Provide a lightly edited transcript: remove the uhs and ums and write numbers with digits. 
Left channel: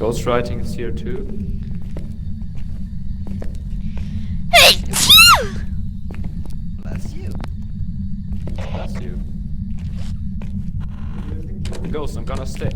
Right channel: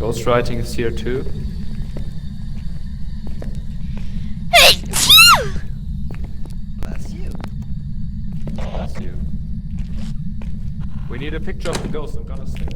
Ghostwriting is here too. Bless you. Bless you. We need a picture of the ghost. I'm gonna stay.